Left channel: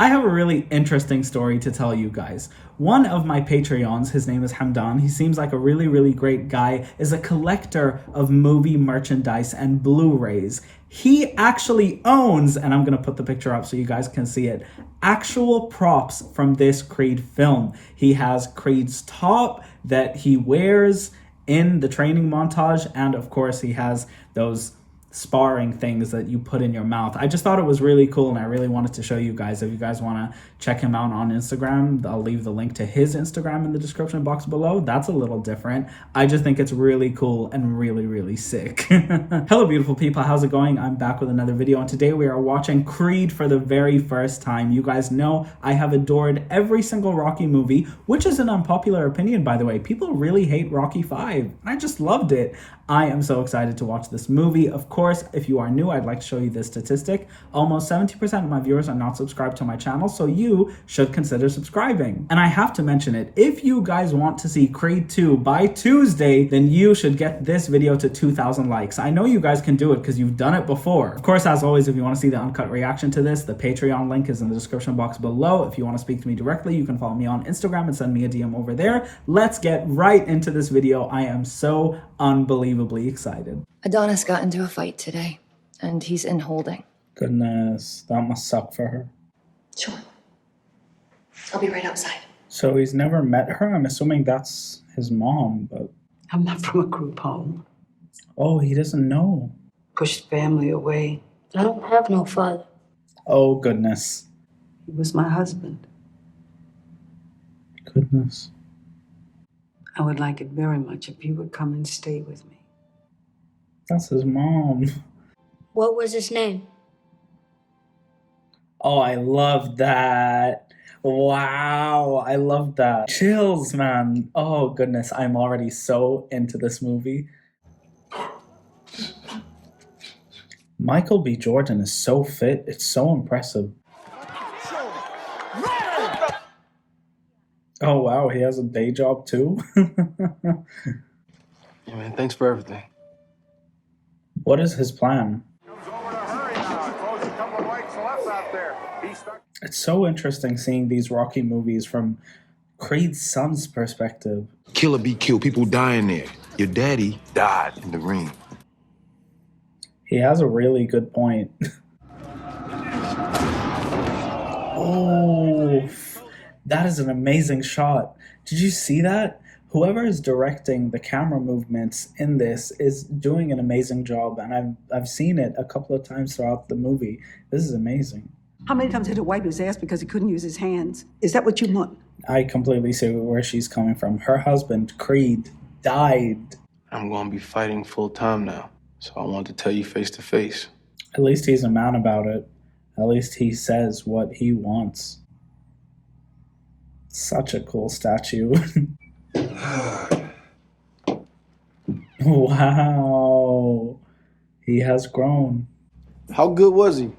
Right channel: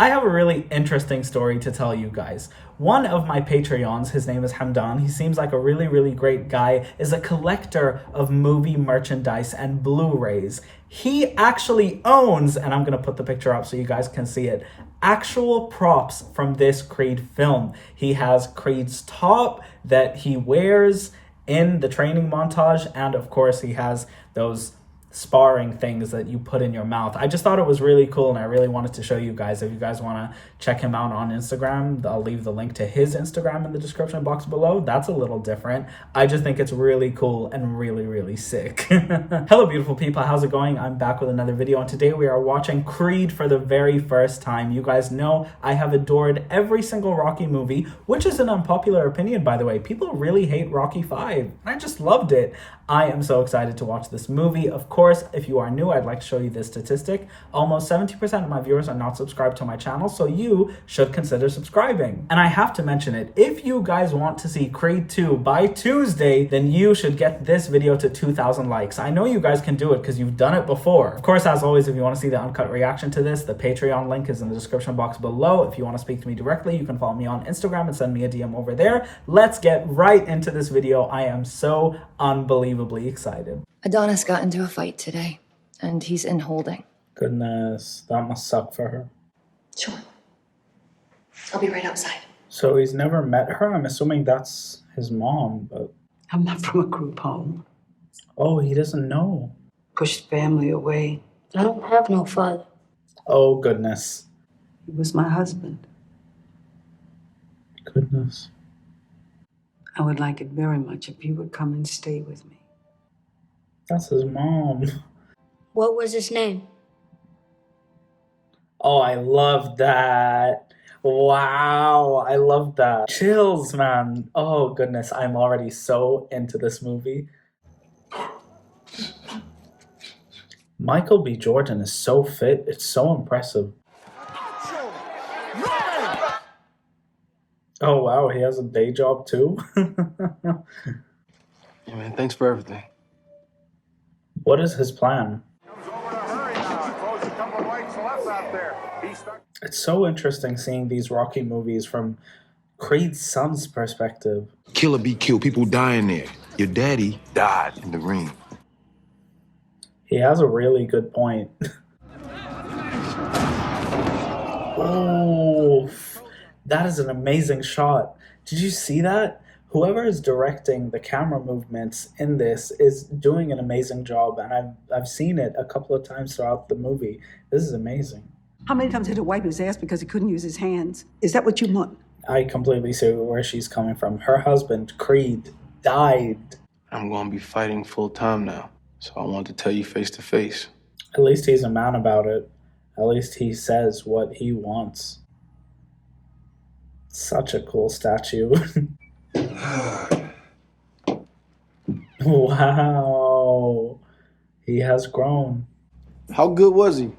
I have a really interesting story to tell you guys. One of my Patreons, his name is Hamdan, he seems like a really great guy, is a collector of movie merchandise and Blu-rays. He actually owns, and I'm going to put the picture up so you guys can see it, actual props from this Creed film. He has Creed's top that he wears in the training montage, and of course he has those sparring things that you put in your mouth. I just thought it was really cool and I really wanted to show you guys. If you guys want to check him out on Instagram, I'll leave the link to his Instagram in the description box below. That's a little different. I just think it's really cool and really sick. Hello beautiful people, how's it going? I'm back with another video and today we are watching Creed for the very first time. You guys know I have adored every single Rocky movie, which is an unpopular opinion by the way. People really hate Rocky 5. I just loved it. I am so excited to watch this movie. Of course, if you are new, I'd like to show you this statistic. Almost 70% of my viewers are not subscribed to my channel, so you should consider subscribing. And I have to mention it, if you guys want to see Creed 2 by Tuesday, then you should get this video to 2,000 likes. I know you guys can do it because you've done it before. Of course, as always, if you want to see the uncut reaction to this, the Patreon link is in the description box below. If you want to speak to me directly, you can follow me on Instagram and send me a DM over there. Let's get right into this video. I am so unbelievably excited. Adonis got into a fight today, and he's in holding. Goodness, that must suck for her. Sure. I'll be right outside. So he's never met her? I'm assuming that's his mom, but... I'm not from a group home. Oh, he doesn't know. Pushed family away. I don't have no father. Oh, goodness. He was my husband. Goodness. I would like it very much if you would come and stay with me. That's his mom. What was his name? Oh, I love that. Wow, I love that. Chills, man. Oh, goodness. I'm already so into this movie. Michael B. Jordan is so fit. It's so impressive. Oh, wow. He has a day job, too? Yeah, man. Thanks for everything. What is his plan? It's so interesting seeing these Rocky movies from Creed's son's perspective. Killer be killed, people dying there. Your daddy died in the ring. He has a really good point. Oh, that is an amazing shot. Did you see that? Whoever is directing the camera movements in this is doing an amazing job, and I've seen it a couple of times throughout the movie. This is amazing. How many times did he wipe his ass because he couldn't use his hands? Is that what you want? I completely see where she's coming from. Her husband, Creed, died. I'm going to be fighting full time now, so I want to tell you face to face. At least he's a man about it. At least he says what he wants. Such a cool statue. Wow. He has grown. How good was he?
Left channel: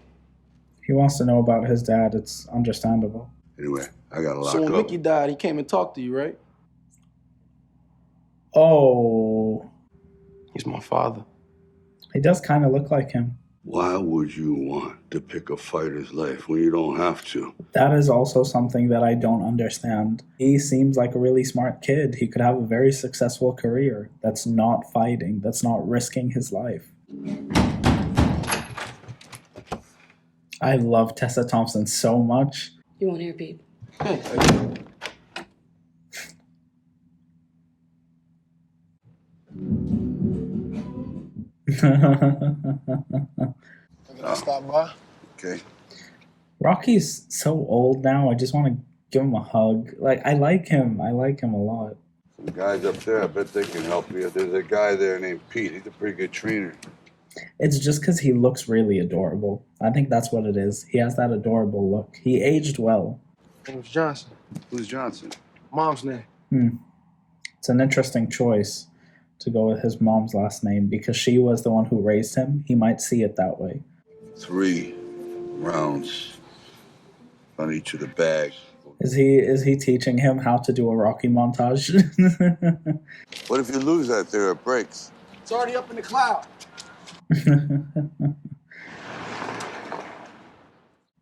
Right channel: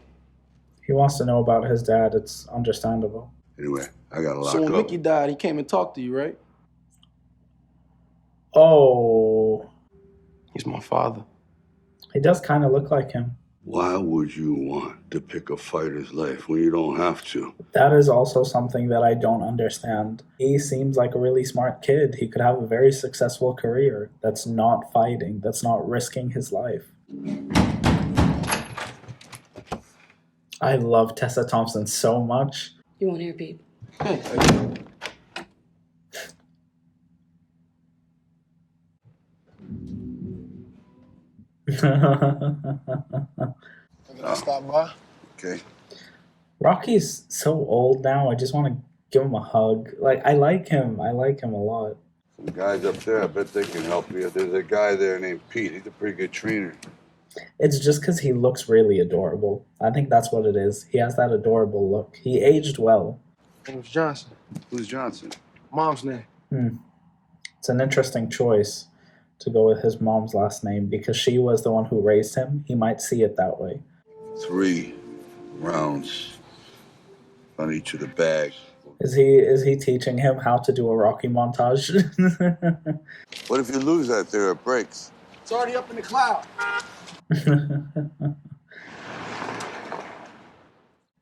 He wants to know about his dad. It's understandable. Anyway, I got a lot So when up. Mickey died, he came and talked to you, right? Oh. He's my father. He does kind of look like him. Why would you want to pick a fighter's life when you don't have to? That is also something that I don't understand. He seems like a really smart kid. He could have a very successful career that's not fighting, that's not risking his life. I love Tessa Thompson so much. You want to hear Pete? Hey, Can I stop by? Okay. Rocky's so old now. I just want to give him a hug. Like, I like him. I like him a lot. Some guys up there, I bet they can help you. There's a guy there named Pete. He's a pretty good trainer. It's just because he looks really adorable. I think that's what it is. He has that adorable look. He aged well. it was Johnson. Who's Johnson? Mom's name. It's an interesting choice to go with his mom's last name because she was the one who raised him. He might see it that way. 3 rounds on each of the bags. Is he teaching him how to do a Rocky montage? What if you lose that there? It breaks. It's already up in the cloud.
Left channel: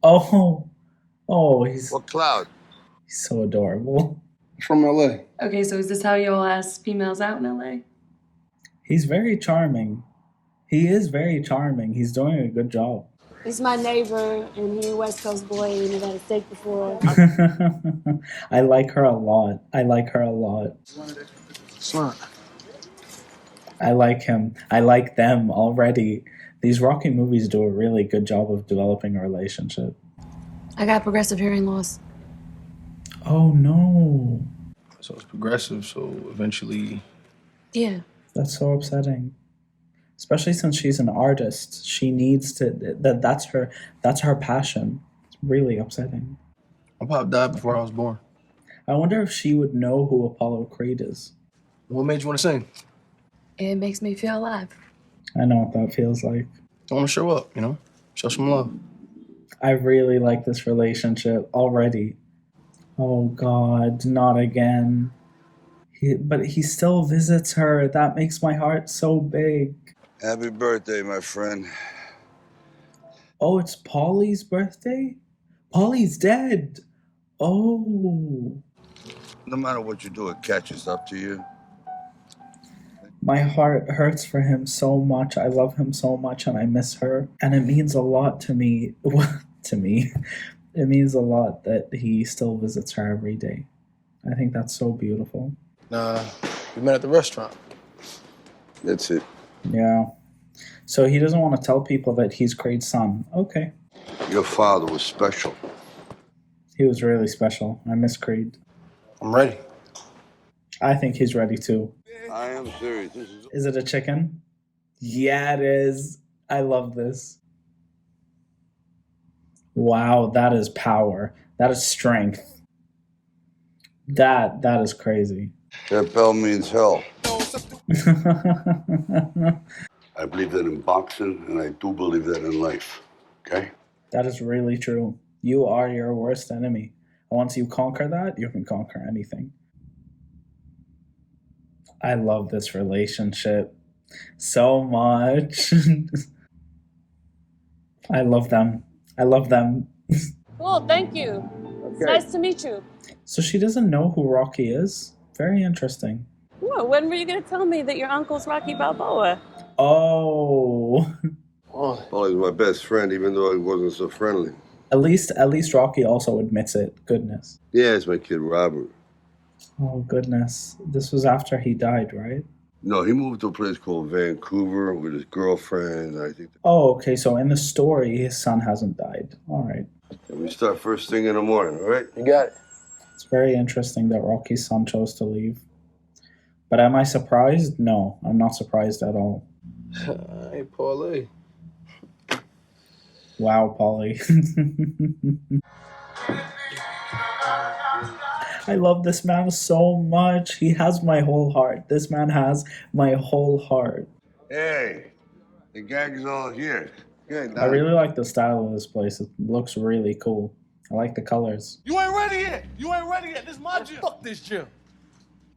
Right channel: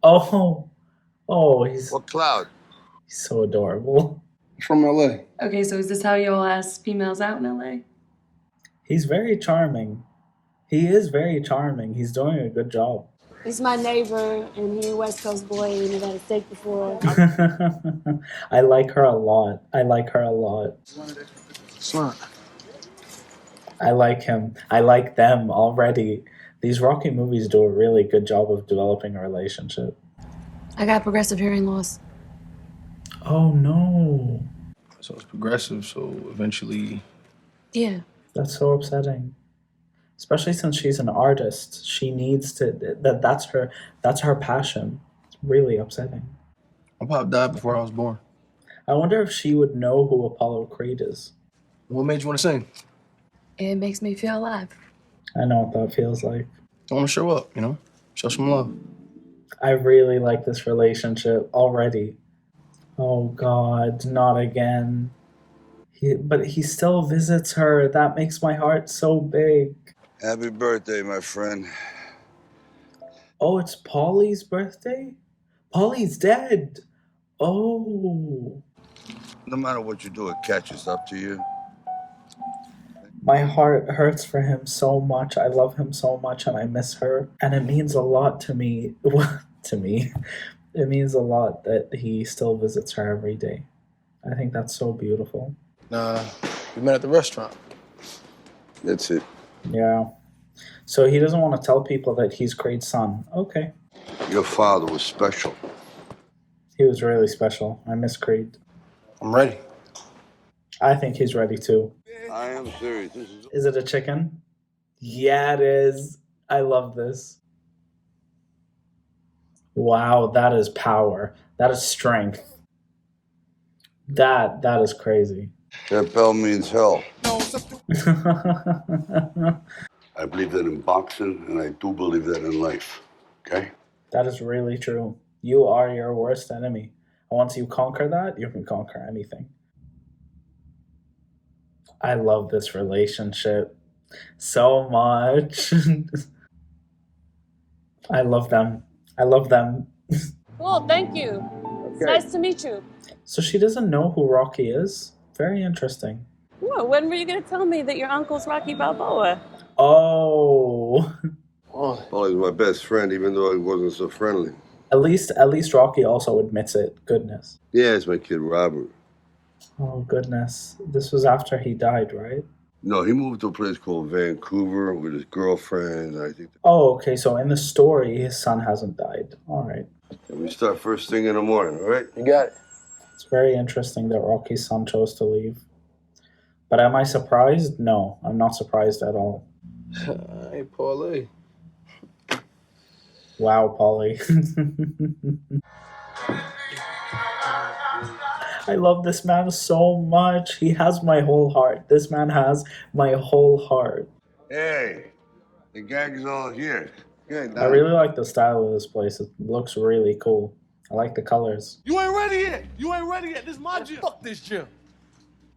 Oh, Oh, he's What cloud? so adorable. He's from LA. Okay, so is this how you all ask females out in LA? He's very charming. He is very charming. He's doing a good job. He's my neighbor, and he a West Coast boy, and he had a steak before. I like her a lot. I like her a lot. Son. I like him. I like them already. These Rocky movies do a really good job of developing a relationship. I got progressive hearing loss. Oh no. So it's progressive, so eventually... Yeah. That's so upsetting. Especially since she's an artist. She needs to that's her passion. It's really upsetting. My pop died before I was born. I wonder if she would know who Apollo Creed is. What made you want to sing? It makes me feel alive. I know what that feels like. I want to show up, you know? Show some love. I really like this relationship already. Oh God, not again. But he still visits her. That makes my heart so big. Happy birthday, my friend. Oh, it's Polly's birthday? Polly's dead. Oh. No matter what you do, it catches up to you. My heart hurts for him so much. I love him so much and I miss her. And it means a lot to me. To me. It means a lot that he still visits her every day. I think that's so beautiful. Nah, we met at the restaurant. That's it. Yeah. So he doesn't want to tell people that he's Creed's son. Okay. Your father was special. He was really special. I miss Creed. I'm ready. I think he's ready too. I am serious. Is it a chicken? Yeah, it is. I love this. Wow, that is power. That is strength. That is crazy. That bell means hell. I believe that in boxing, and I do believe that in life. Okay? That is really true. You are your worst enemy. And once you conquer that, you can conquer anything. I love this relationship so much. I love them. I love them. Cool, thank you. It's nice to meet you. So she doesn't know who Rocky is? Very interesting. Well, when were you going to tell me that your uncle's Rocky Balboa? Oh. Oh, Well, he's my best friend, even though he wasn't so friendly. At least Rocky also admits it. Goodness. Yeah, it's my kid Robert. Oh, goodness. This was after he died, right? No, he moved to a place called Vancouver with his girlfriend. I think Oh, okay. So in the story, his son hasn't died. All right. we start first thing in the morning, all right? you got it. It's very interesting that Rocky's son chose to leave. But am I surprised? No, I'm not surprised at all. Hey, Paulie. Wow, Polly. I love this man so much. He has my whole heart. This man has my whole heart. Hey, the gang's all here. Good, I really like the style of this place. It looks really cool. I like the colors. You ain't ready yet. You ain't ready yet. This is my gym. Fuck this gym.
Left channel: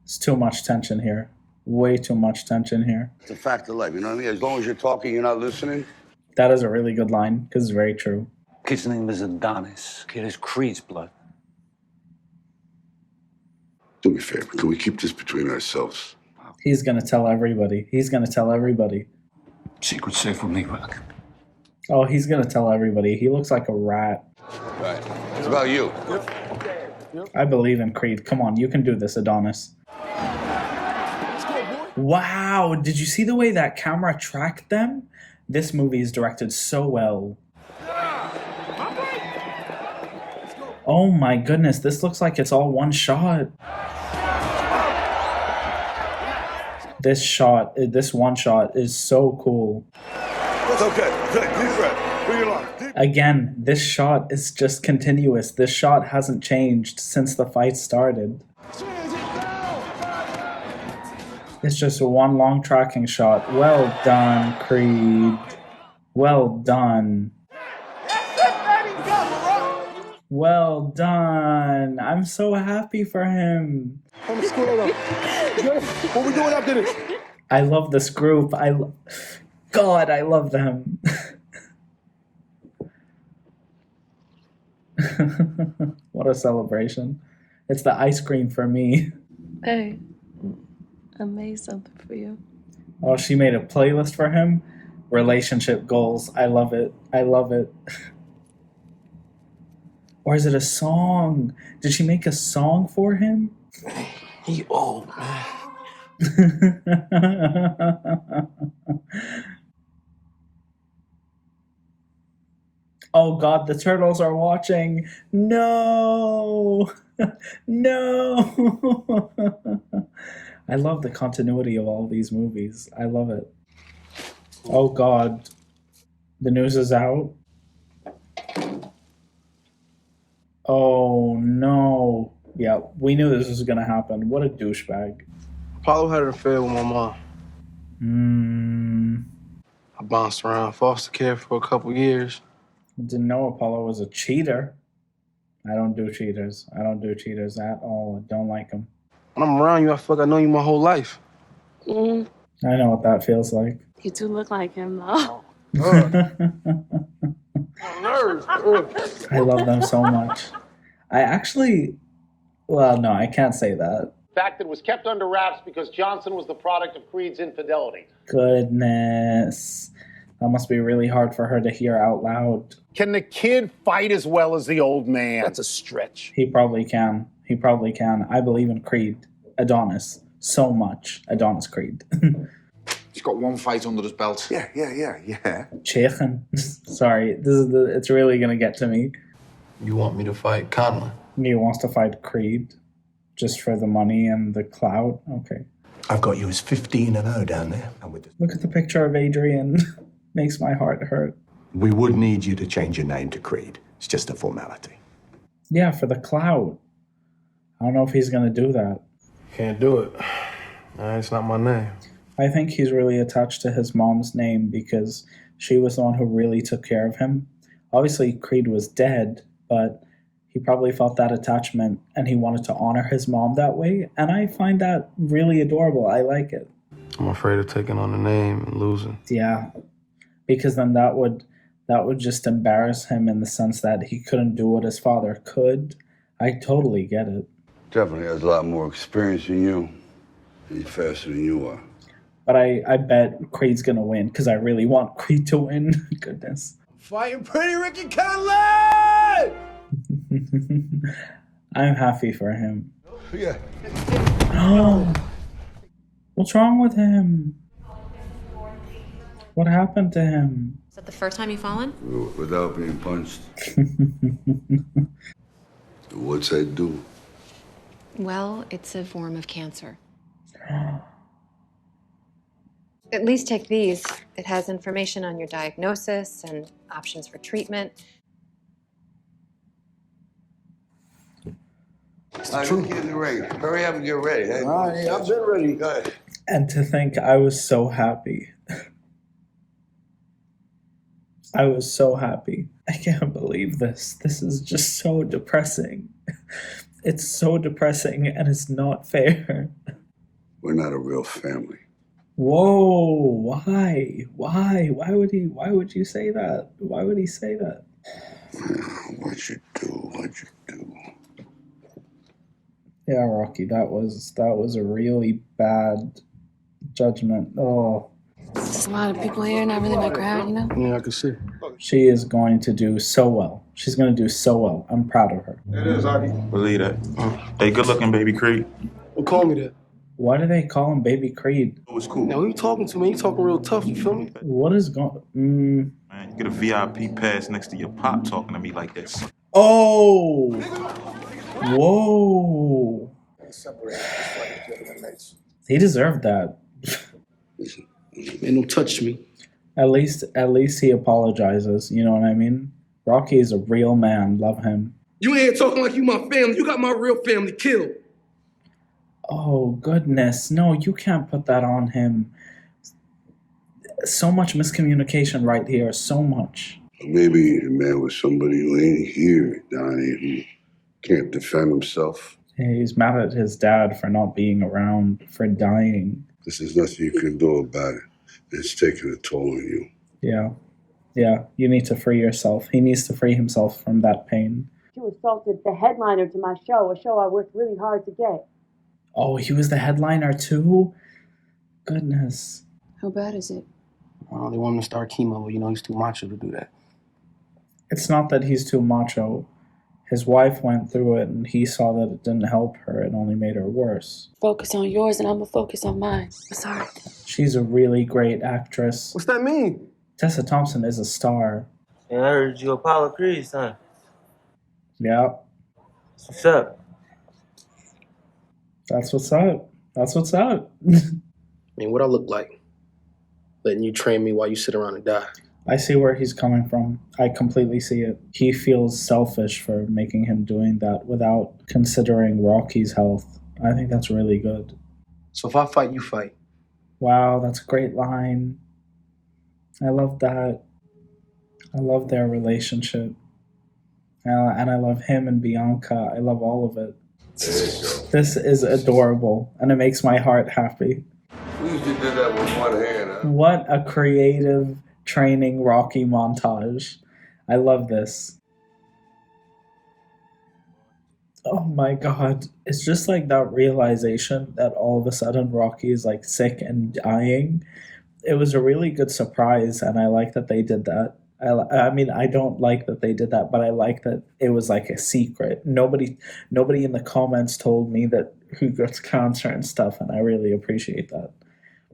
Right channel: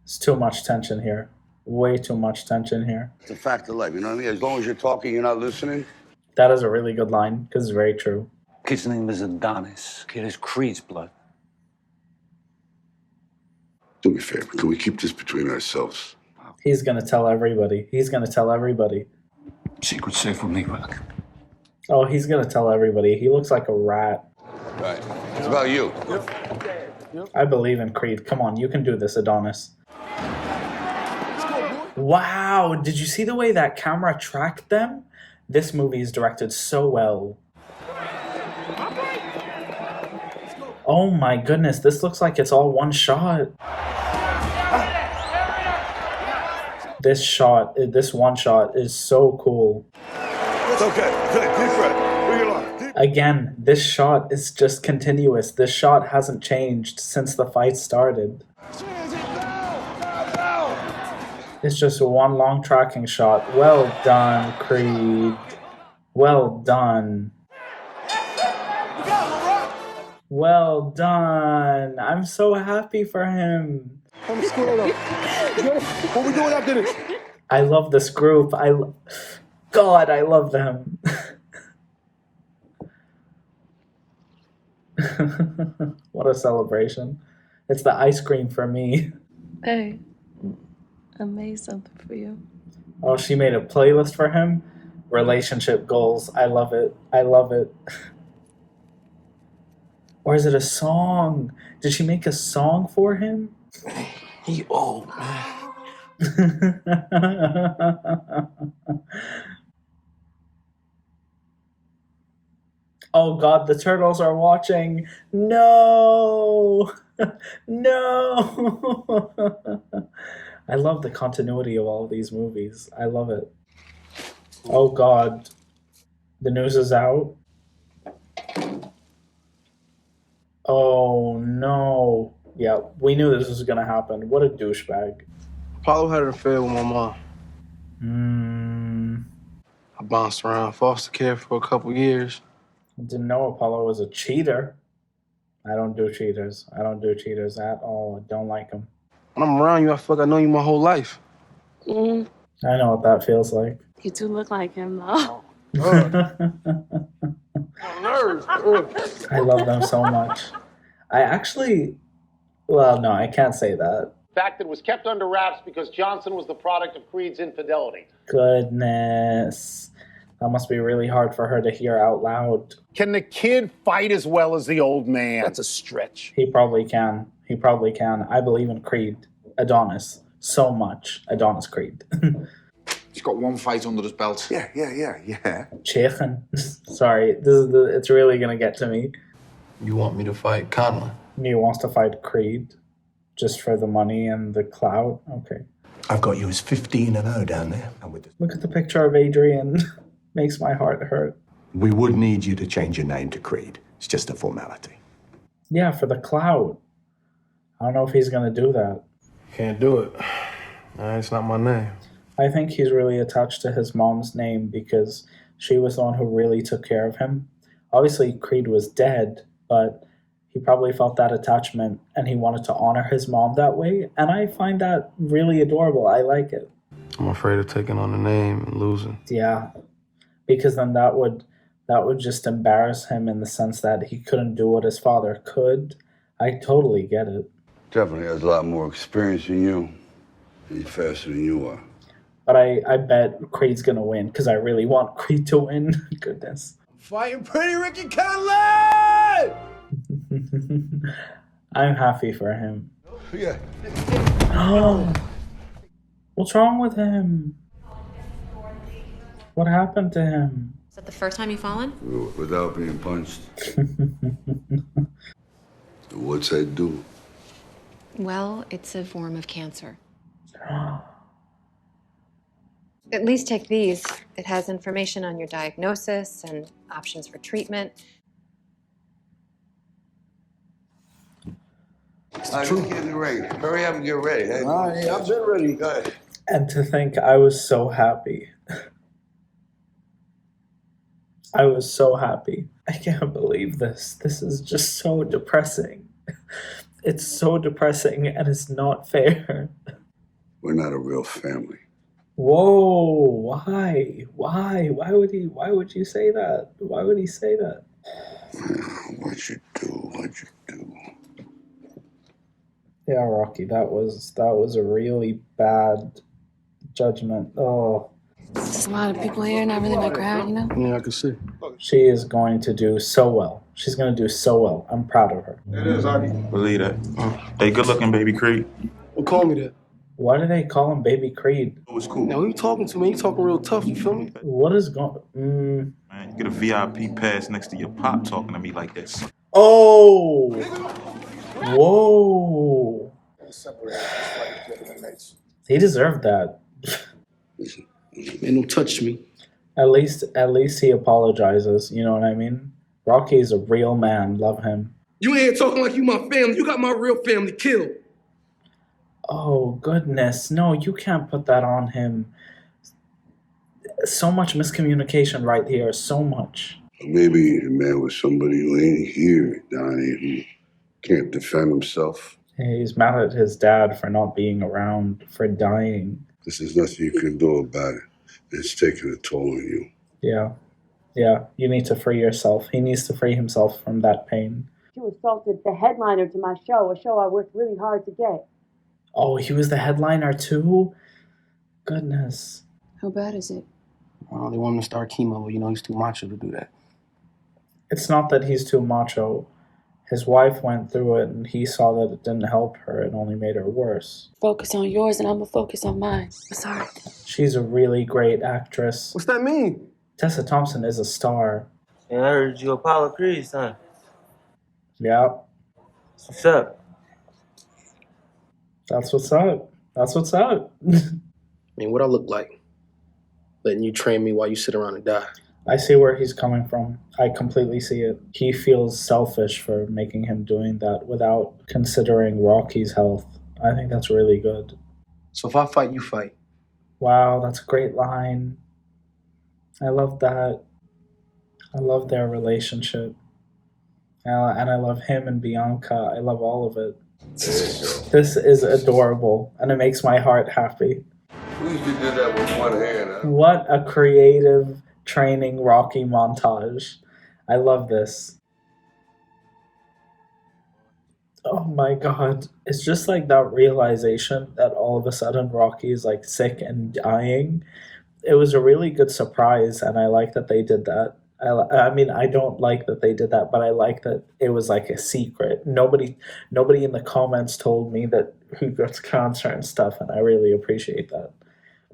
It's too much tension here. Way too much tension here. It's a fact of life, you know what I mean? As long as you're talking, you're not listening. That is a really good line because it's very true. Kid's name is Adonis. Kid is Creed's blood. Do me a favor. Can we keep this between ourselves? He's going to tell everybody. He's going to tell everybody. Secret safe with me, Rock. Oh, he's going to tell everybody. He looks like a rat. Right. It's about you. I believe in Creed. Come on, you can do this, Adonis. Wow, did you see the way that camera tracked them? This movie is directed so well. Oh my goodness, this looks like it's all one shot. This one shot is so cool. It's okay. Good. Deep breath. Bring it on. Again, this shot is just continuous. This shot hasn't changed since the fight started. It's just one long tracking shot. Well done, Creed. Well done. Well done. I'm so happy for him. What we doing after this? I love this group. God, I love them. What a celebration. It's the ice cream for me. Hey, I made something for you. Oh, she made a playlist for him. Relationship goals. I love it. I love it. Or is it a song? Did she make a song for him? He old, man. Oh God, the turtles are watching. No! No! I love the continuity of all these movies. I love it. Oh God. The news is out. Oh no. Yeah, we knew this was gonna happen. What a douchebag. Apollo had an affair with my mom. I bounced around foster care for a couple years. Didn't know Apollo was a cheater. I don't do cheaters. I don't do cheaters at all. I don't like them. When I'm around you, I feel like I know you my whole life. Mm, I know what that feels like. you do look like him, though. Nerves. I love them so much. I actually, well, no, I can't say that. Fact that was kept under wraps because Johnson was the product of Creed's infidelity. Goodness. That must be really hard for her to hear out loud. Can the kid fight as well as the old man? That's a stretch. He probably can. He probably can. I believe in Creed. Adonis. So much. Adonis Creed. He's got one fight under his belt. Yeah. Chechen. Sorry. It's really going to get to me. You want me to fight Conlon? He wants to fight Creed. Just for the money and the clout? Okay. I've got you as 15-0 down there. Look at the picture of Adrian. Makes my heart hurt. We would need you to change your name to Creed. It's just a formality. Yeah, for the clout. I don't know if he's going to do that. Can't do it. It's not my name. I think he's really attached to his mom's name because she was the one who really took care of him. Obviously, Creed was dead, but he probably felt that attachment and he wanted to honor his mom that way. And I find that really adorable. I like it. I'm afraid of taking on the name and losing. Yeah, because then that would just embarrass him in the sense that he couldn't do what his father could. I totally get it. Definitely has a lot more experience than you. He's faster than you are. But I bet Creed's gonna win because I really want Creed to win. Goodness. Fighting Pretty Ricky Conlon! I'm happy for him. Yeah. Oh, what's wrong with him? What happened to him? Is that the first time you've fallen? Without being punched. What's that do? Well, it's a form of cancer. At least take these. It has information on your diagnosis and options for treatment. Just getting ready. Hurry up and get ready. Hey, I've been ready. Go ahead. And to think I was so happy. I was so happy. I can't believe this. This is just so depressing. It's so depressing and it's not fair. We're not a real family. Whoa, why? Why would you say that? Why would he say that? What'd you do? Yeah, Rocky, that was a really bad judgment. Oh. There's a lot of people here, not really my crowd, you know? Yeah, I can see. She is going to do so well. She's going to do so well. I'm proud of her. It is, Artie. Believe that. Hey, good looking, baby Creed. Well, call me that. Why do they call him Baby Creed? It was cool. Now, who you talking to, man? You talking real tough, you feel me? What is going... Man, you get a VIP pass next to your pop talking to me like this. Oh! Whoa! He deserved that. Man, don't touch me. At least he apologizes, you know what I mean? Rocky is a real man. Love him. You ain't talking like you my family. You got my real family killed. Oh, goodness. No, you can't put that on him. So much miscommunication right here. So much. Maybe a man with somebody who ain't here, Donnie, who can't defend himself. He's mad at his dad for not being around, for dying. There's nothing you can do about it. It's taking a toll on you. Yeah. Yeah, you need to free yourself. He needs to free himself from that pain. You assaulted the headliner to my show, a show I worked really hard to get. Oh, he was the headliner too? Goodness. How bad is it? Well, they want him to start chemo, but he's too macho to do that. It's not that he's too macho. His wife went through it and he saw that it didn't help her. It only made her worse. Focus on yours and I'm gonna focus on mine. I'm sorry. She's a really great actress. What's that mean? Tessa Thompson is a star. And I heard you Apollo Creed, son. Yeah. What's up? That's what's up. That's what's up. I mean, what I look like? Letting you train me while you sit around and die. I see where he's coming from. I completely see it. He feels selfish for making him doing that without considering Rocky's health. I think that's really good. So if I fight, you fight. Wow, that's a great line. I love that. I love their relationship. And I love him and Bianca. I love all of it. This is adorable, and it makes my heart happy. We usually did that with one hand, huh? What a creative training Rocky montage. I love this. Oh my god. It's just like that realization that all of a sudden Rocky is like sick and dying. It was a really good surprise, and I like that they did that. I mean, I don't like that they did that, but I like that it was like a secret. Nobody in the comments told me that who gets cancer and stuff, and I really appreciate that.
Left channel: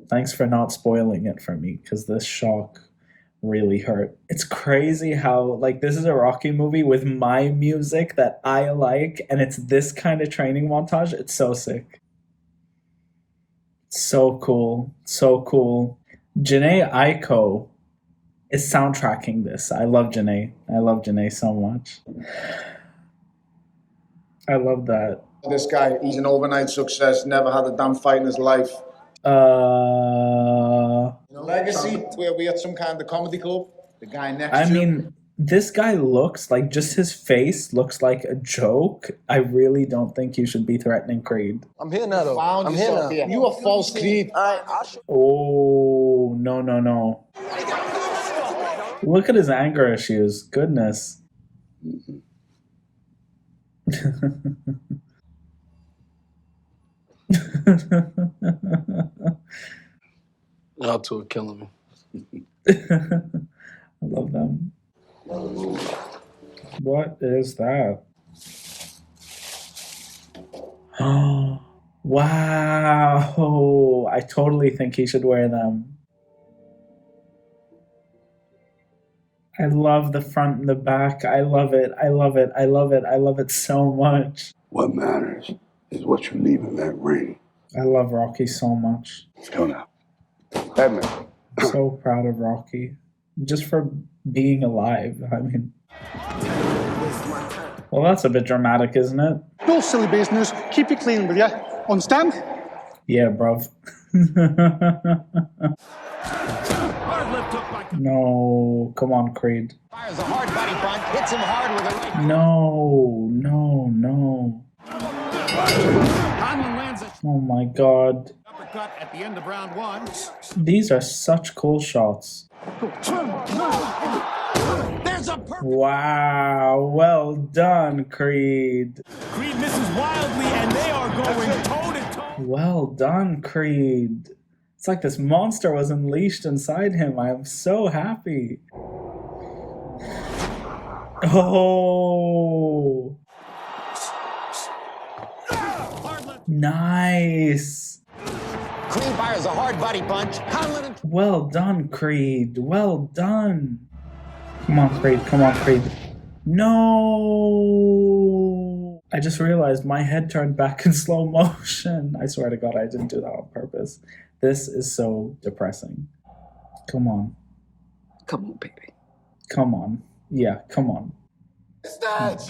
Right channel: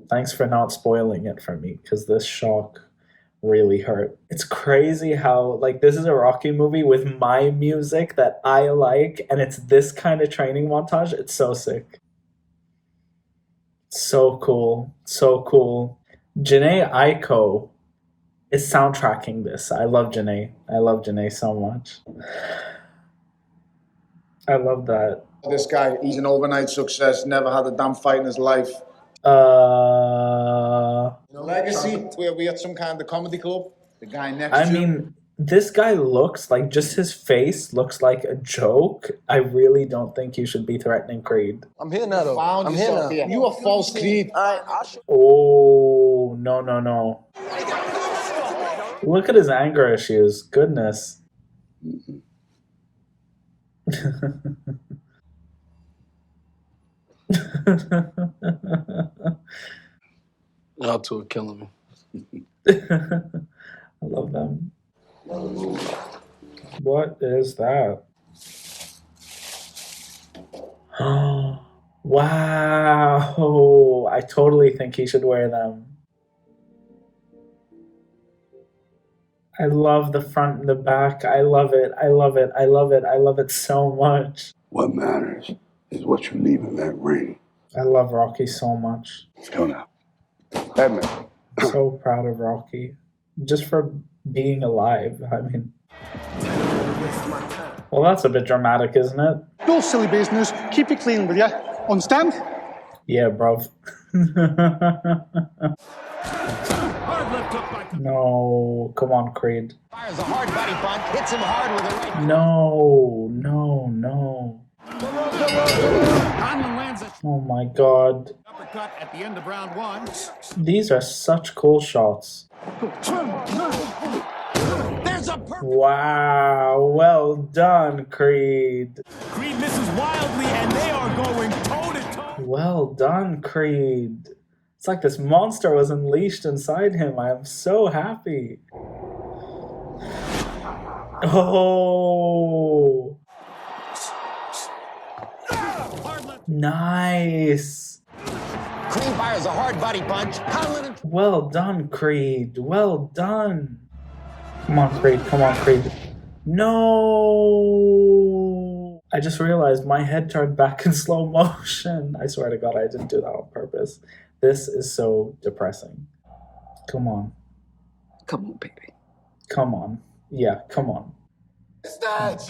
Thanks for not spoiling it for me, because this shock really hurt. It's crazy how, like, this is a Rocky movie with my music that I like, and it's this kind of training montage. It's so sick. So cool. So cool. Janae Aiko is soundtracking this. I love Janae. I love Janae so much. I love that. This guy, he's an overnight success, never had a damn fight in his life. Legacy, where we at some kind of comedy club. The guy next to him. This guy looks like, just his face looks like a joke. I really don't think you should be threatening Creed. I'm here now, though. I'm here now. You a false Creed. Oh, no. Look at his anger issues. Goodness. Y'all two are killing me. I love them. What is that? Wow. I totally think he should wear them. I love the front and the back. I love it. I love it. I love it. I love it so much. What matters is what you leave in that ring. I love Rocky so much. Let's go now. Batman. I'm so proud of Rocky. Just for being alive. I mean. Well, that's a bit dramatic, isn't it? No silly business. Keep it clean, will ya? Understand? Yeah, bruv. No, come on, Creed. Fires a hard body punch, hits him hard with a right. No. Conlon lands a Oh my god. uppercut at the end of round one. These are such cool shots. There's a perfect. Wow, well done, Creed. Creed misses wildly, and they are going toe to toe. Well done, Creed. It's like this monster was unleashed inside him. I am so happy. Oh. Nice. Creed fires a hard body punch. Conlon. Well done, Creed. Well done. Come on, Creed. Come on, Creed. No. I just realized my head turned back in slow motion. I swear to God, I didn't do that on purpose. This is so depressing. Come on. Come on, baby. Come on. Yeah, come on. It's that.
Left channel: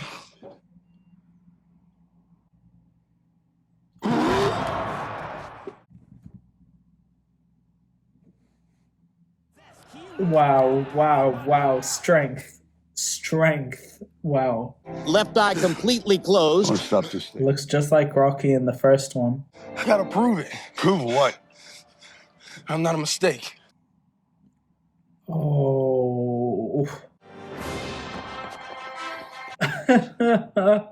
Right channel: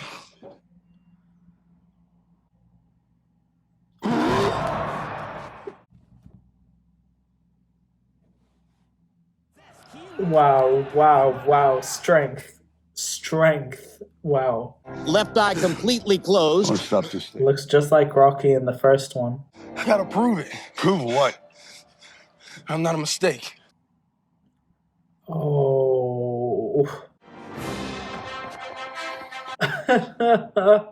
Wow. Strength. Wow. Left eye completely closed. What's up this thing? Looks just like Rocky in the first one. I gotta prove it. Prove what? I'm not a mistake. Oh. Come on,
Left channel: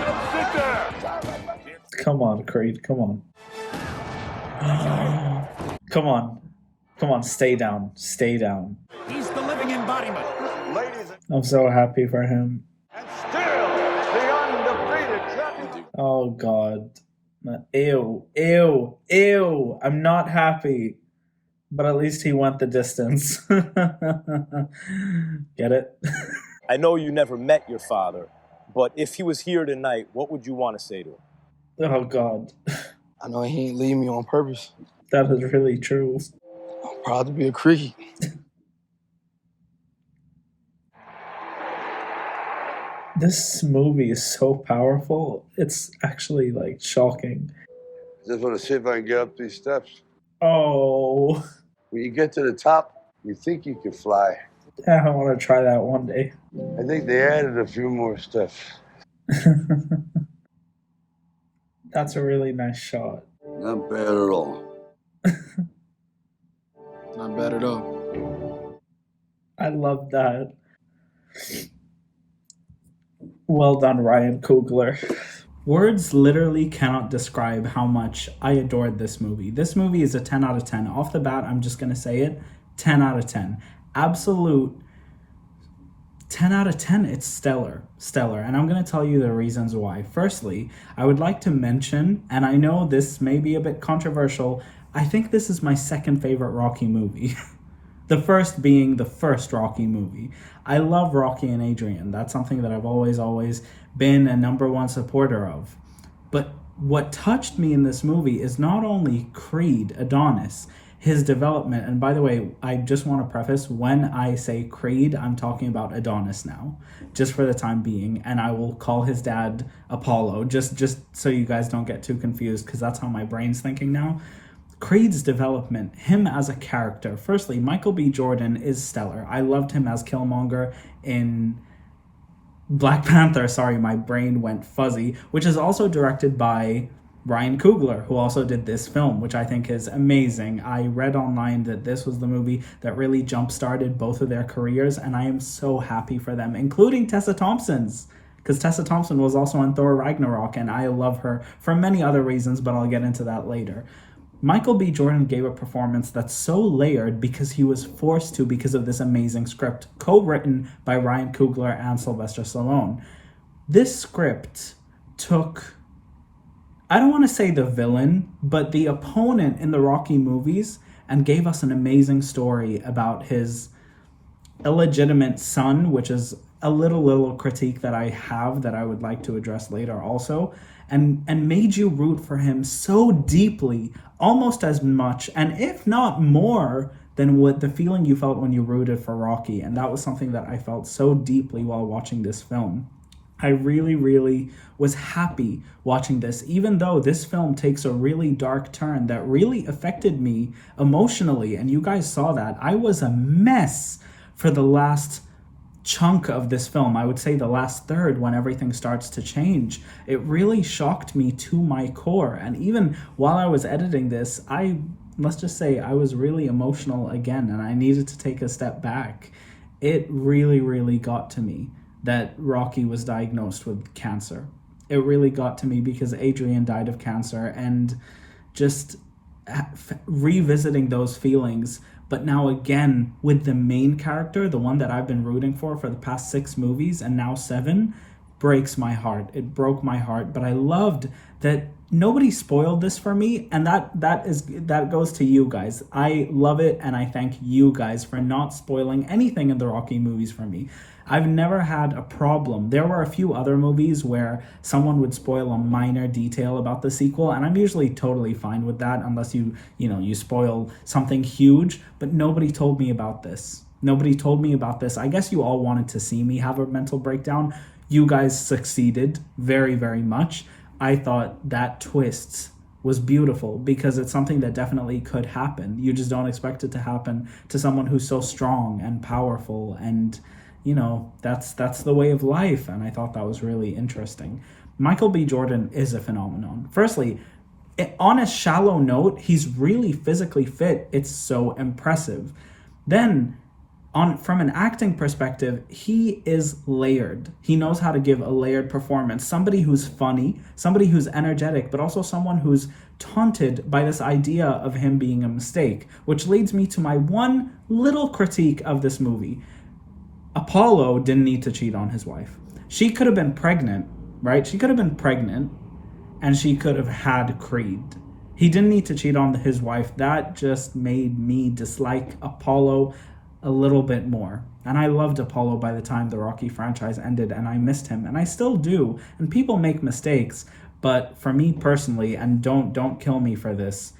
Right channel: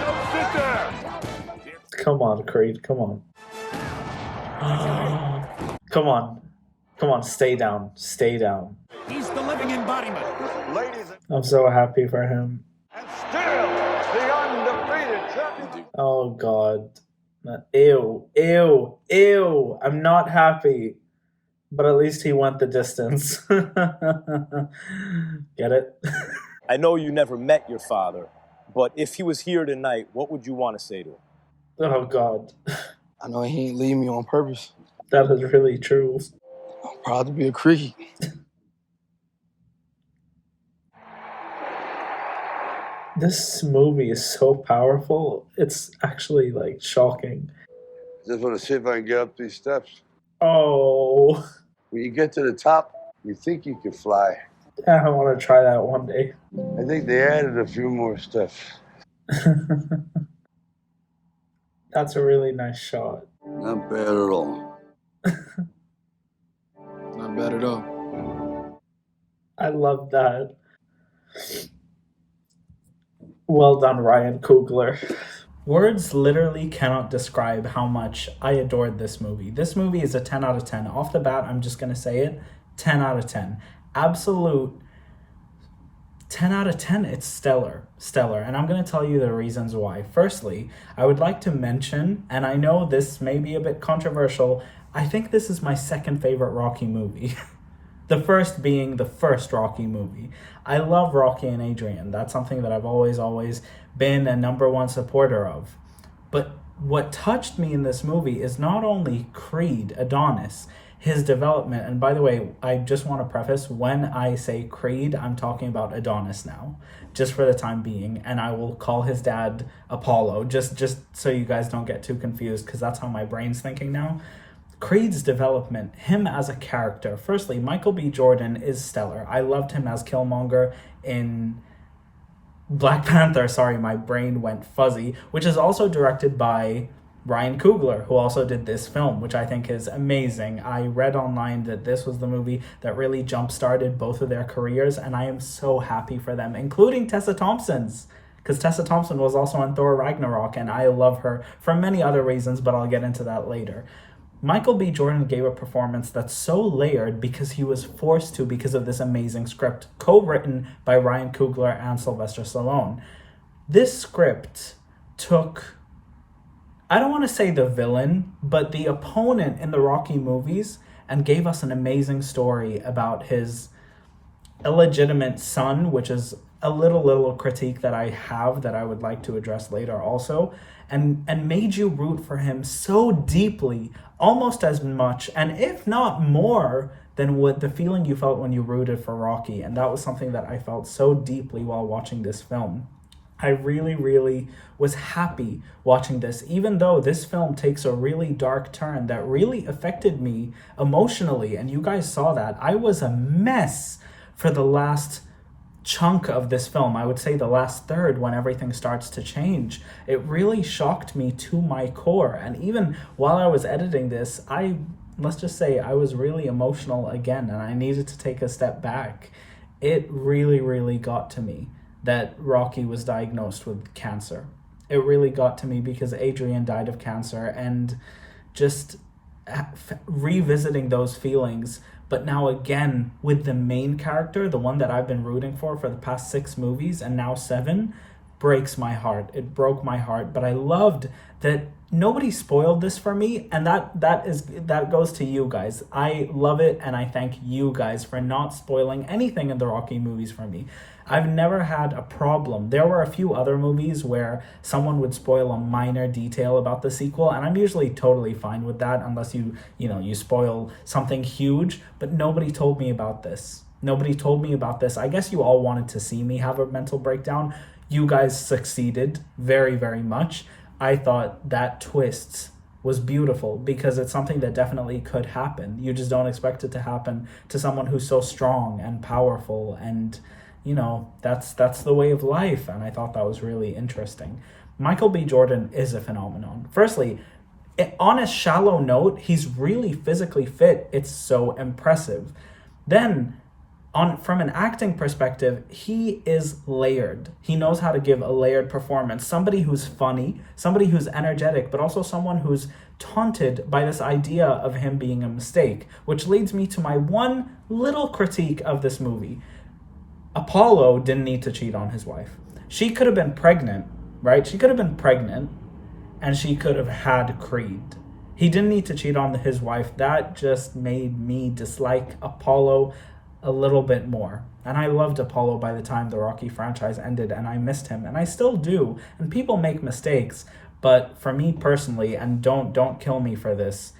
don't sit there! Come on, Creed, come on. Come on. Come on, stay down. Stay down. He's the living embodiment. Ladies I'm so happy for him. and still the undefeated champion. Oh, God. Ew. Ew. Ew. I'm not happy. But at least he went the distance. Get it? I know you never met your father, but if he was here tonight, what would you want to say to him? Oh, God. I know he ain't leave me on purpose. That is really true. I'm proud to be a Creed. This movie is so powerful. It's actually, like, shocking. I just want to see if I can get up these steps. Oh. When you get to the top, you think you can fly. I want to try that one day. I think they added a few more steps. That's a really nice shot. Not bad at all. Not bad at all. I love that. Well done, Ryan Coogler. Words literally cannot describe how much I adored this movie. This movie is a 10 out of 10. Off the bat, I'm just going to say it. 10 out of 10. Absolute 10 out of 10. It's stellar. Stellar. And I'm going to tell you the reasons why. Firstly, I would like to mention, and I know this may be a bit controversial, I think this is my second favorite Rocky movie. The first being the first Rocky movie. I love Rocky and Adrian. That's something that I've always been a number one supporter of. But what touched me in this movie is not only Creed, Adonis, his development. And by the way, I just want to preface, when I say Creed, I'm talking about Adonis now, just for the time being. And I will call his dad Apollo, just so you guys don't get too confused, because that's how my brain's thinking now. Creed's development, him as a character. Firstly, Michael B. Jordan is stellar. I loved him as Killmonger in Black Panther. Sorry, my brain went fuzzy. Which is also directed by Ryan Coogler, who also did this film, which I think is amazing. I read online that this was the movie that really jump-started both of their careers, and I am so happy for them, including Tessa Thompson's. Because Tessa Thompson was also in Thor Ragnarok, and I love her for many other reasons, but I'll get into that later. Michael B. Jordan gave a performance that's so layered because he was forced to because of this amazing script, co-written by Ryan Coogler and Sylvester Stallone. This script took, I don't want to say the villain, but the opponent in the Rocky movies, and gave us an amazing story about his illegitimate son, which is a little critique that I have that I would like to address later also, and made you root for him so deeply, almost as much, and if not more, than what the feeling you felt when you rooted for Rocky. And that was something that I felt so deeply while watching this film. I really was happy watching this, even though this film takes a really dark turn that really affected me emotionally, and you guys saw that. I was a mess for the last chunk of this film. I would say the last third, when everything starts to change. It really shocked me to my core. And even while I was editing this, let's just say I was really emotional again, and I needed to take a step back. It really got to me that Rocky was diagnosed with cancer. It really got to me because Adrian died of cancer, and just revisiting those feelings, but now again with the main character, the one that I've been rooting for the past 6 movies and now 7, breaks my heart. It broke my heart, but I loved that nobody spoiled this for me, and that goes to you guys. I love it, and I thank you guys for not spoiling anything in the Rocky movies for me. I've never had a problem. There were a few other movies where someone would spoil a minor detail about the sequel, and I'm usually totally fine with that unless you spoil something huge, but nobody told me about this. Nobody told me about this. I guess you all wanted to see me have a mental breakdown. You guys succeeded very much. I thought that twist was beautiful because it's something that definitely could happen. You just don't expect it to happen to someone who's so strong and powerful, and that's the way of life, and I thought that was really interesting. Michael B. Jordan is a phenomenon. Firstly, on a shallow note, he's really physically fit. It's so impressive. Then, From an acting perspective, he is layered. He knows how to give a layered performance. Somebody who's funny, somebody who's energetic, but also someone who's taunted by this idea of him being a mistake, which leads me to my one little critique of this movie. Apollo didn't need to cheat on his wife. She could have been pregnant, right? She could have been pregnant and she could have had Creed. He didn't need to cheat on his wife. That just made me dislike Apollo a little bit more. And I loved Apollo by the time the Rocky franchise ended, and I missed him, and I still do. And people make mistakes, but for me personally, and don't kill me for this.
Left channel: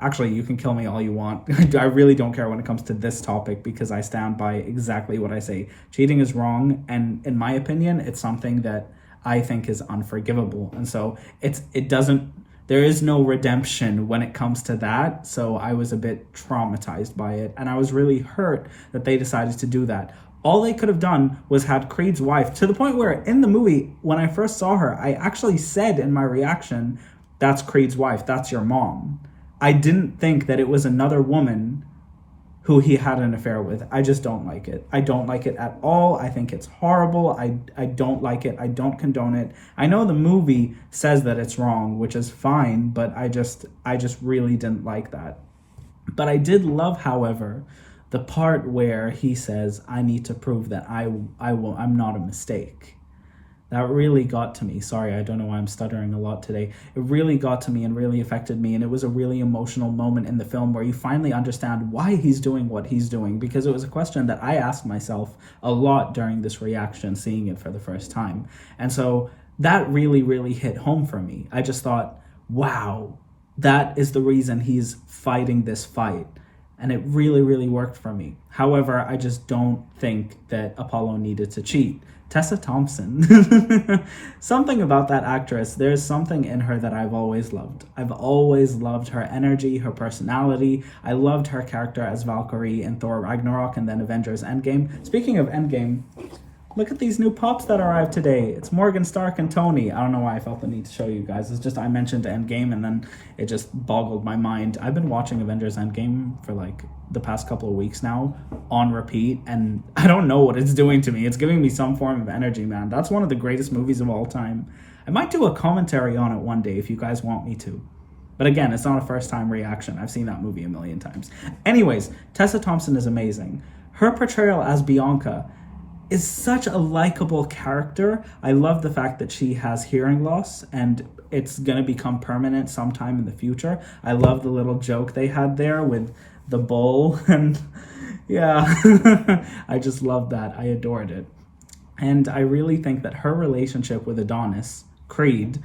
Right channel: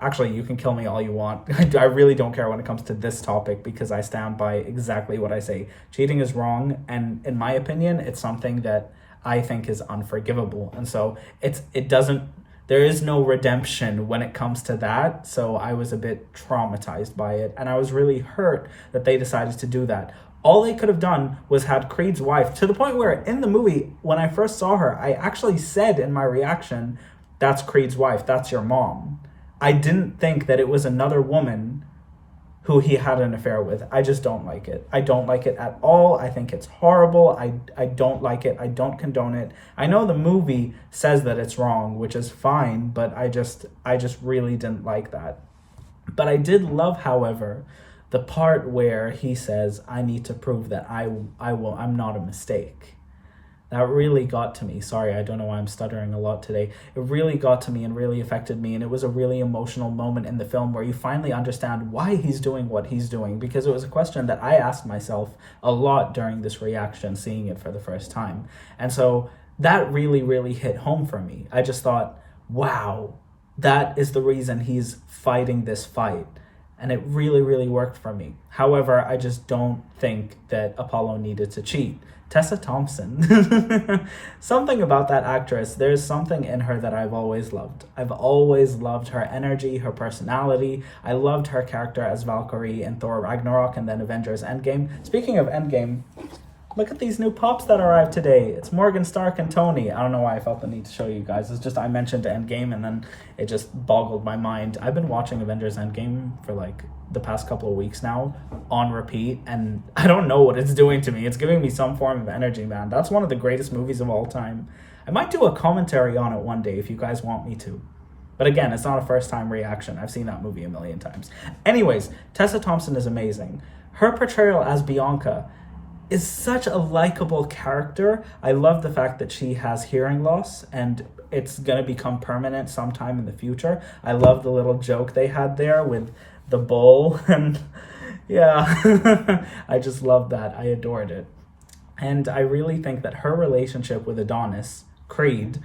Actually, you can kill me all you want. I really don't care when it comes to this topic because I stand by exactly what I say. Cheating is wrong, and in my opinion, it's something that I think is unforgivable. And so there is no redemption when it comes to that. So I was a bit traumatized by it, and I was really hurt that they decided to do that. All they could have done was had Creed's wife, to the point where in the movie, when I first saw her, I actually said in my reaction, "That's Creed's wife, that's your mom." I didn't think that it was another woman who he had an affair with. I just don't like it. I don't like it at all. I think it's horrible. I don't like it. I don't condone it. I know the movie says that it's wrong, which is fine, but I just really didn't like that. But I did love, however, the part where he says, "I need to prove that I'm not a mistake." That really got to me. Sorry, I don't know why I'm stuttering a lot today. It really got to me and really affected me, and it was a really emotional moment in the film where you finally understand why he's doing what he's doing, because it was a question that I asked myself a lot during this reaction, seeing it for the first time. And so that really, really hit home for me. I just thought, wow, that is the reason he's fighting this fight. And it really, really worked for me. However, I just don't think that Apollo needed to cheat. Tessa Thompson. Something about that actress, there's something in her that I've always loved. I've always loved her energy, her personality. I loved her character as Valkyrie in Thor Ragnarok and then Avengers Endgame. Speaking of Endgame, look at these new pops that arrived today. It's Morgan, Stark, and Tony. I don't know why I felt the need to show you guys. It's just I mentioned Endgame and then it just boggled my mind. I've been watching Avengers Endgame for like the past couple of weeks now on repeat, and I don't know what it's doing to me. It's giving me some form of energy, man. That's one of the greatest movies of all time. I might do a commentary on it one day if you guys want me to. But again, it's not a first time reaction. I've seen that movie a million times. Anyways, Tessa Thompson is amazing. Her portrayal as Bianca is such a likable character. I love the fact that she has hearing loss and it's gonna become permanent sometime in the future. I love the little joke they had there with the bowl, and yeah, I just love that. I adored it. And I really think that her relationship with Adonis, Creed,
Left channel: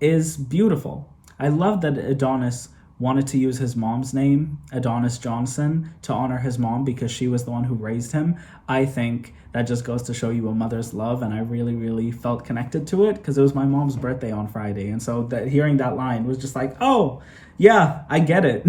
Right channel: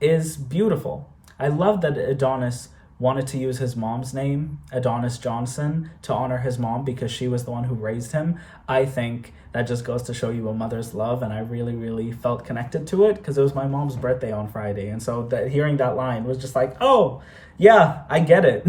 is beautiful. I love that Adonis wanted to use his mom's name, Adonis Johnson, to honor his mom because she was the one who raised him. I think that just goes to show you a mother's love, and I really, really felt connected to it because it was my mom's birthday on Friday, and so hearing that line was just like, oh, yeah, I get it.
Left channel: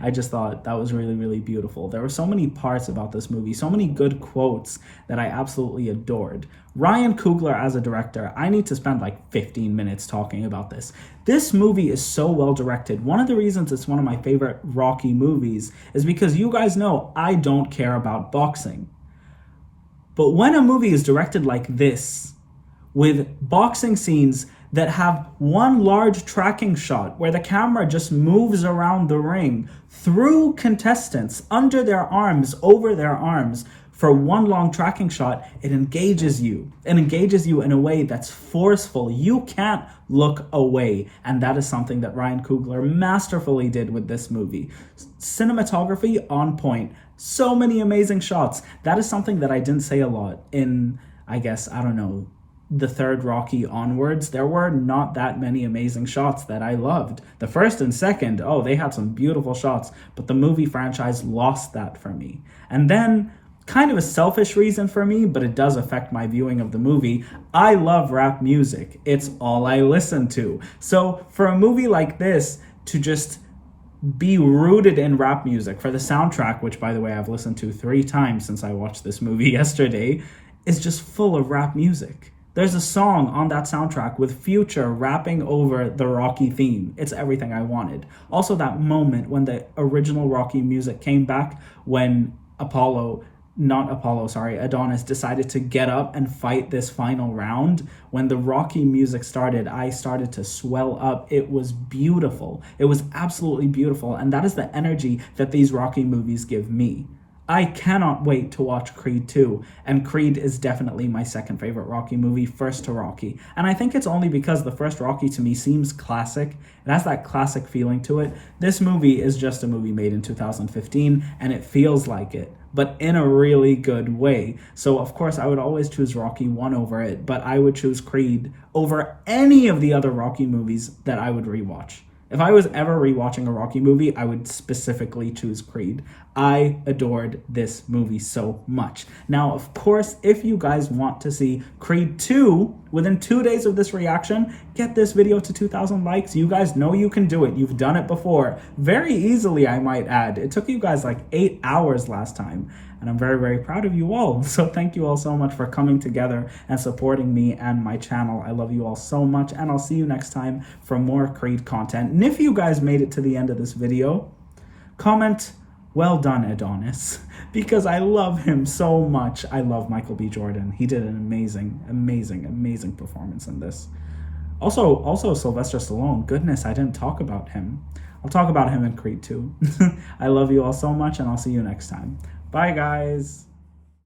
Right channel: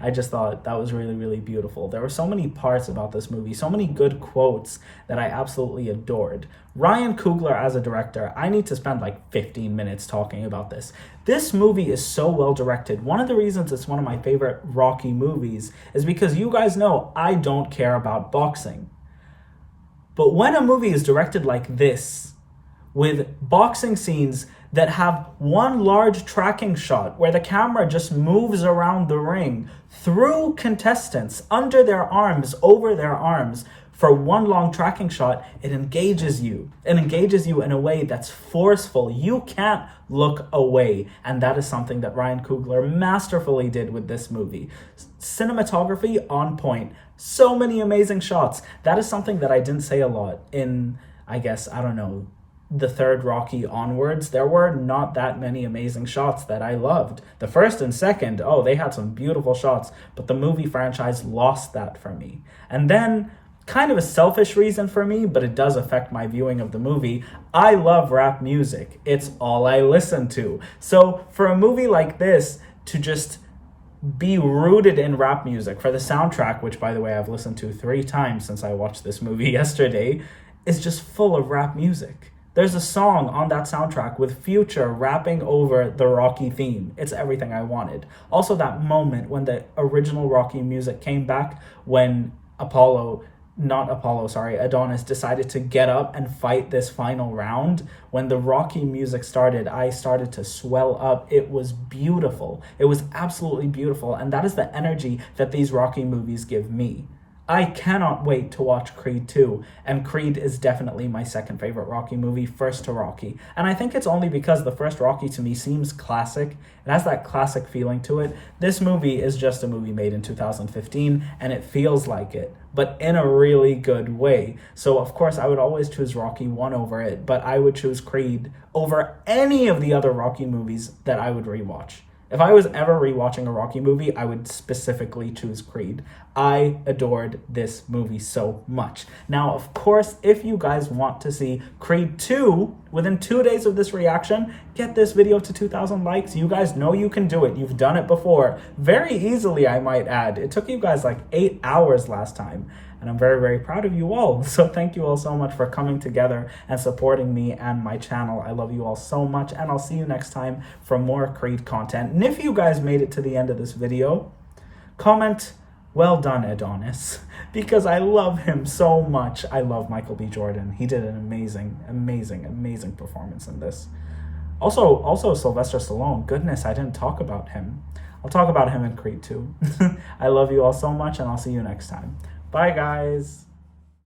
I just thought that was really, really beautiful. There were so many parts about this movie, so many good quotes that I absolutely adored. Ryan Coogler as a director, I need to spend like 15 minutes talking about this. This movie is so well directed. One of the reasons it's one of my favorite Rocky movies is because you guys know I don't care about boxing. But when a movie is directed like this, with boxing scenes that have one large tracking shot where the camera just moves around the ring through contestants, under their arms, over their arms, for one long tracking shot, it engages you. It engages you in a way that's forceful. You can't look away. And that is something that Ryan Coogler masterfully did with this movie. Cinematography on point. So many amazing shots. That is something that I didn't say a lot in, I guess, I don't know, the third Rocky onwards. There were not that many amazing shots that I loved. The first and second, oh, they had some beautiful shots, but the movie franchise lost that for me. And then, kind of a selfish reason for me, but it does affect my viewing of the movie, I love rap music. It's all I listen to. So for a movie like this to just be rooted in rap music, for the soundtrack, which by the way I've listened to 3 times since I watched this movie yesterday, is just full of rap music. There's a song on that soundtrack with Future rapping over the Rocky theme. It's everything I wanted. Also that moment when the original Rocky music came back, when Apollo Adonis decided to get up and fight this final round, when the Rocky music started, I started to swell up. It was beautiful. It was absolutely beautiful. And that is the energy that these Rocky movies give me. I cannot wait to watch Creed 2, and Creed is definitely my second favorite Rocky movie, first to Rocky. And I think it's only because the first Rocky to me seems classic. It has that classic feeling to it. This movie is just a movie made in 2015, and it feels like it, but in a really good way. So of course I would always choose Rocky 1 over it, but I would choose Creed over any of the other Rocky movies that I would rewatch. If I was ever rewatching a Rocky movie, I would specifically choose Creed. I adored this movie so much. Now, of course, if you guys want to see Creed 2 within 2 days of this reaction, get this video to 2,000 likes. You guys know you can do it. You've done it before. Very easily, I might add. It took you guys like 8 hours last time. And I'm very, very proud of you all. So thank you all so much for coming together and supporting me and my channel. I love you all so much, and I'll see you next time for more Creed content. And if you guys made it to the end of this video, comment, "Well done, Adonis," because I love him so much. I love Michael B. Jordan. He did an amazing, amazing, amazing performance in this. Also Sylvester Stallone. Goodness, I didn't talk about him. I'll talk about him in Creed 2. I love you all so much, and I'll see you next time. Bye, guys.